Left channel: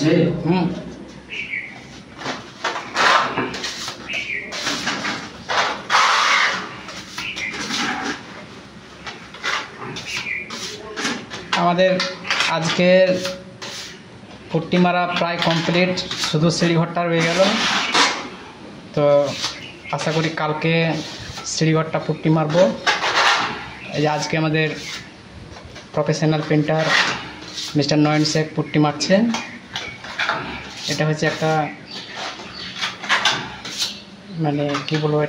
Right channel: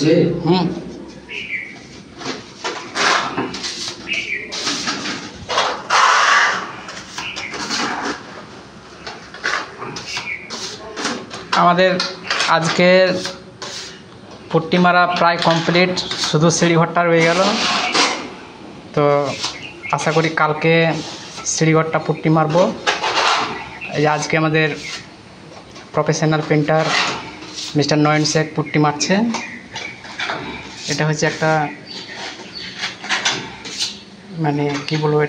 যে আমাদের আজকের পুট্টি মারা প্রায় কমপ্লিট, শুধু সিঁড়িঘরটা রয়ে গেল। তো আশা করি কালকে সিঁড়িঘরটা পুট্টি মারবো। এই যে আজকে আমাদের প্রফেশনাল পেন্টার মিস্টার নয়ন শেখ পুট্টি মারছে। এটা হচ্ছে একটা মানে কি বলবো,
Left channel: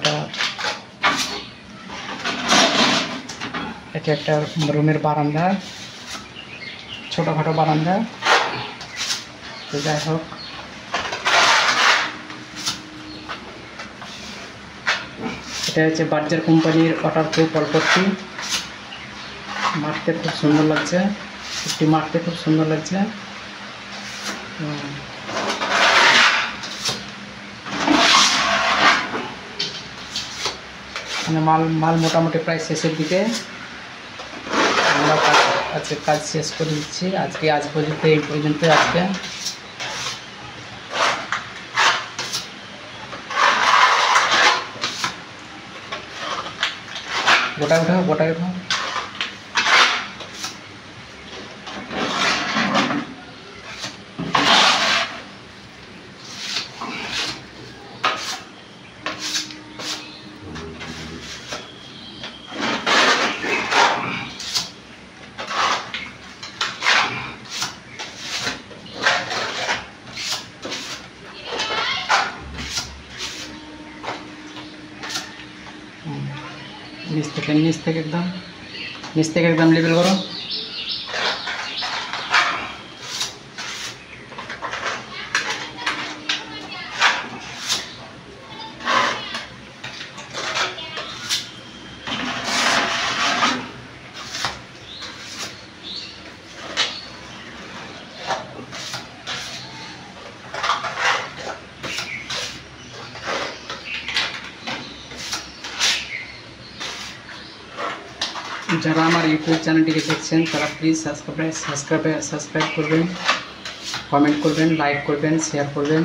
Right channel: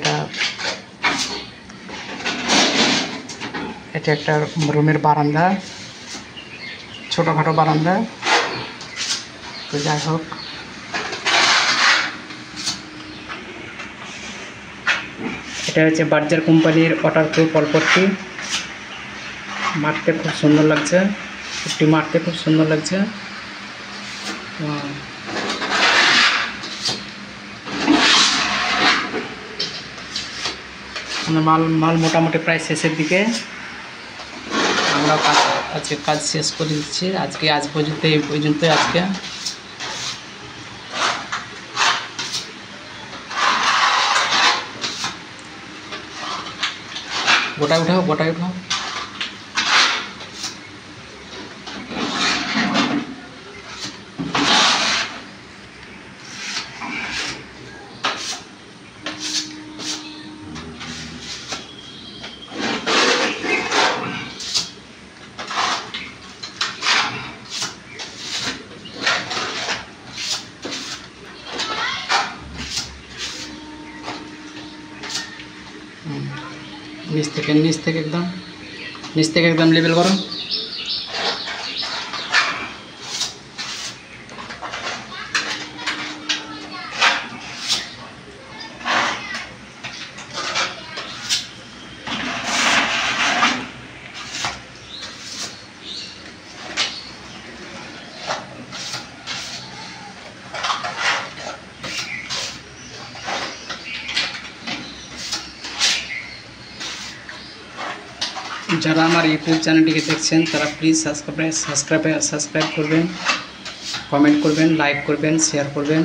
এটা একটা রুমের বারান্দা, ছোটোখাটো বারান্দা। তো যাই হোক, এটা হচ্ছে বার্জার কোম্পানির ওয়াটারপ্রুফ অল্পট্টি। মারতে খুব সুন্দর লাগছে, পুট্টি মারতে খুব সুন্দর লাগছে। মাল মোটামুটি প্রায় শেষের দিকে। আমরা আজকে কাজ শেষ করে দিচ্ছি। আজ পর্যন্ত এই পর্যন্ত। আজকে গোটায় উঠাও। নিচ থেকে একদম লেবেল করো। যারা আমার ইউটিউব চ্যানেলটিকে দেখছেন তারা প্লিজ সাবস্ক্রাইব করবেন, কমেন্ট করবেন, লাইক করবেন, শেয়ার করবেন।